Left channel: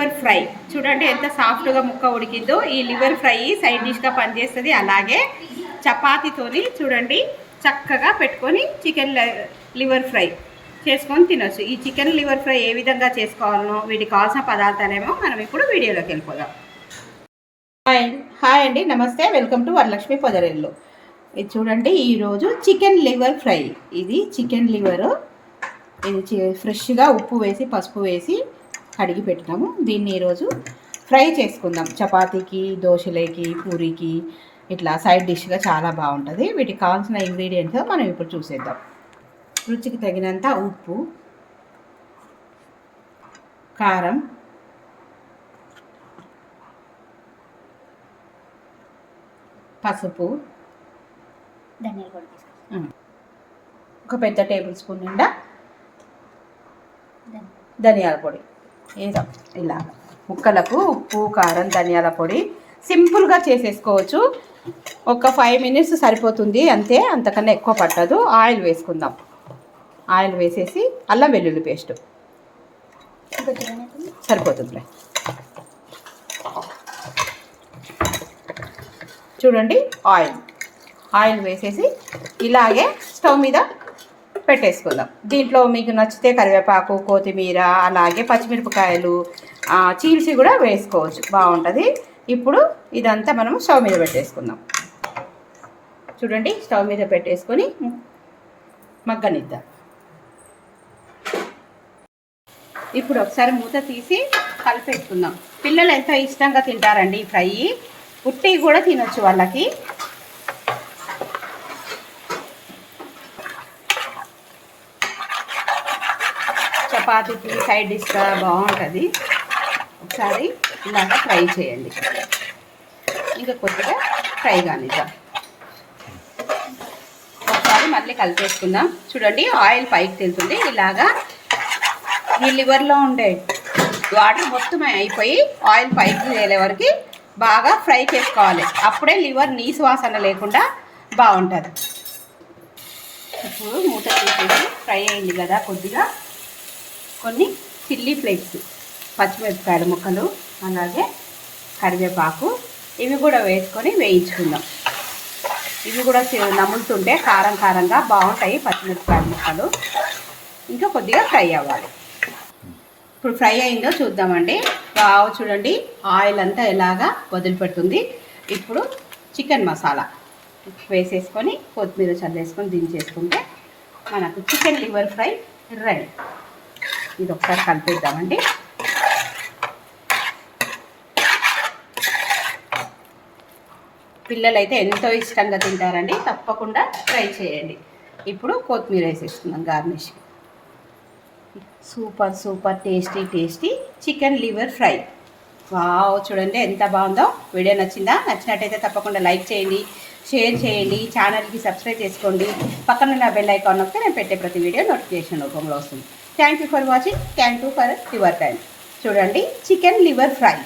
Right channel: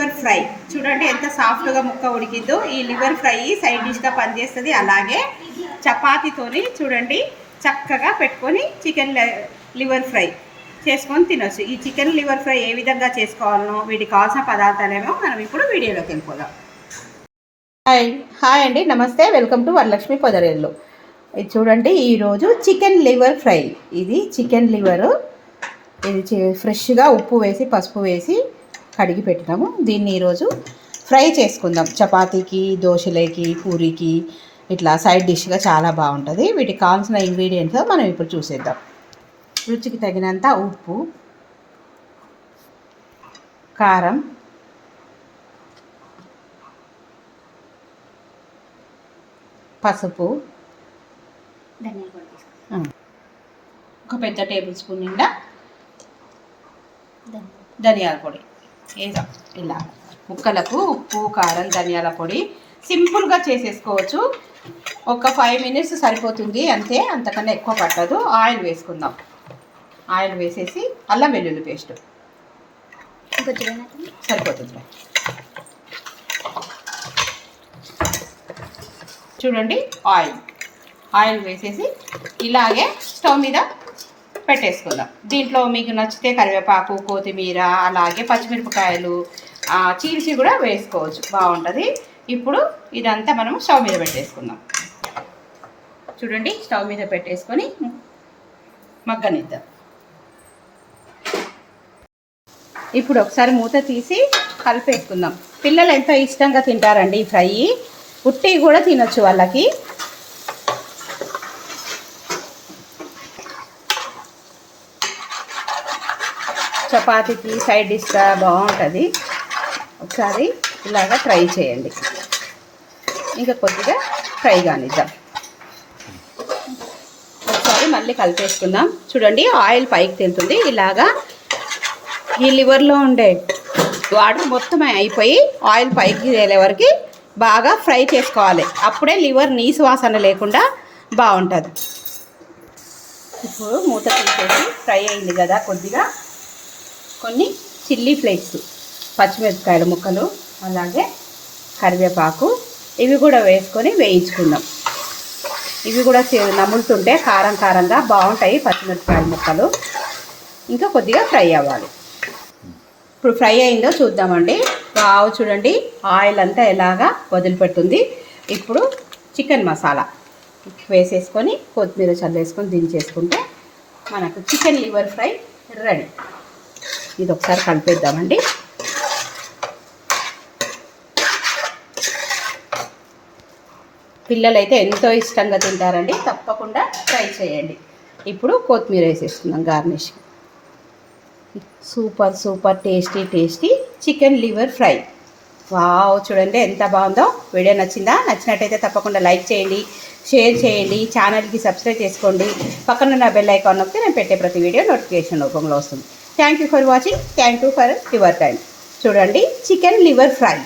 Liver fry చూడండి ఎంత సాఫ్ట్గా ముక్క ఉడికిందో. ఈ లివర్ ఫ్రై సైడ్ డిష్గా పనిచేస్తుంది. అలాగే చపాతీతోని చూడండి చక్కగా పెట్టుకొని చికెన్ లివర్ ఫ్రై చేసుకొని తినొచ్చు. ఈ చికెన్ లివర్ ఫ్రై ఏ విధంగా చేసుకోవాలనో వీటికి కావాల్సిన పదార్థాలేమో మనం ఇప్పుడు వీడియోలోకి వెళ్ళిపోదాం. హాయ్ అండి, నమస్తే, వెల్కమ్ టు వరలక్ష్మి పొదరేళ్ళు. ఇది చూడండి ఈరోజు చికెన్ లివర్ ఫ్రై. ఇది చికెన్ లివరు, ఇది ఫ్రెష్గా ఉప్పు వేసి పసుపు వేసి కడిగి పెట్టినాము. దీన్ని ఈరోజు ఫ్రై చేసుకుందాం. చపాతీకి, దోశలకి, పూరికి ఇట్లా సైడ్ డిష్గా చాలా బాగుంటుంది. వీటికి కావాల్సిన ఇంగ్రీడియంట్స్ మనం ఇప్పుడు చూసేద్దాం. రుచికి తగినంత ఉప్పు, కారం, పసుపు, ఒక పెద్ద టేబుల్ స్పూన్ నిండా ధనియాల పొడి వేద్దాం. ఇలా ముక్కలకు ఉప్పు, కారం, ధనియాల పొడి సింపుల్గా చేసేసుకోవచ్చు. ఒక 5 minutes సరిపోతుంది అంతే, అంతకన్నా ఎక్కువ పట్టదు. ఆయిల్ వేసుకుందాం. ఆయిల్ వేసేసి అల్లం వెల్లుల్లి పేస్ట్ సరిపోతుంది. చూడండి ఆయిల్ వేసేసి ఇలాగే స్టవ్ మీద పెట్టేసుకుందాం. దీంట్లో మీకు నచ్చితే కరివేపాకు, కొత్తిమీర, అలాగే పచ్చిమిరపకాయలు చీల్చి కూడా వేసుకోవచ్చు, బాగుంటుంది. ఇప్పుడు ఇదంతా మనం స్టవ్ మీద పెట్టేసుకుందాం. చూడండి స్టవ్ మీద పెట్టేసుకొని మగ్గనిద్దాం. ఇప్పుడు ఒకసారి మూత తీసి కలిపేసుకుందాం. పిల్లలు ఎంతో ఇష్టంగా తింటారండి ఈ ఫ్రై. ఉట్టి కూడా తినొచ్చు వాళ్ళకి. చపాతీకి సైడ్ డిష్గా బాగుంటుంది. ఒకసారి ఇలాగా ఫ్రై చేయండి. ఇంకా కొద్దిగా ఫ్రై కానిద్దాం. ఒకసారి మళ్ళీ కలిపేసుకుందాం. చూడండి ఆయిల్ పైకి తెలుతుంది. ఇలాగా ఈ లివర్లో ఉండే వాటర్ మొత్తం అయిపోయి ఆయిల్ పైకి తేలే వరకు బాగా ఫ్రై చేసుకోవాలి. అప్పుడే లివర్ నీసు వాసన లేకుండా బాగుంటుంది. ఇప్పుడు మూత తీసేసి ఫ్రై అయింది కదా, కొద్దిగా కొన్ని చిల్లీ ఫ్లేక్స్, పచ్చిమిరపకాయల ముక్కలు, అలాగే కరివేపాకు ఇవి కూడా వేసుకొని వేయించుకుందాం. ఇవి కూడా నములుతుంటే కారం కారంగా బాగుంటాయి పచ్చిమిరపకాయల ముక్కలు. ఇంకా కొద్దిగా ఫ్రై అవ్వాలి. ఇప్పుడు ఫ్రై అయిందో చూద్దామండి. చూడండి ఆయిల్ అంతా ఎలాగా వదిలిపెట్టుంది. ఇప్పుడు చికెన్ మసాలా వేసేసుకొని కొత్తిమీర చల్లేసుకొని దించేసుకుంటే మనకు చికెన్ లివర్ ఫ్రై రెడీ. ఇది ఒకసారి కలిపేద్దామండి. పిల్లలైతే ఎంతో ఇష్టంగా తింటారండి, తప్పకుండా ట్రై చేయండి. ఇప్పుడు కొత్తిమీర వేసేసుకుందాం garnish. Super tasty chicken liver fry. చూడండి ఎంత బాగుందో. వీడియో నచ్చిందా? నచ్చినట్టయితే తప్పకుండా లైక్ చేయండి, షేర్ చేయండి, ఛానల్కి సబ్స్క్రైబ్ చేసుకోండి. పక్కన ఉన్న బెల్ ఐకాన్ నొక్కితే నేను పెట్టే ప్రతి వీడియో నోటిఫికేషన్ రూపంలో వస్తుంది. Thank you for watching. Thank you for your time. చూడండి చికెన్ లివర్ ఫ్రై.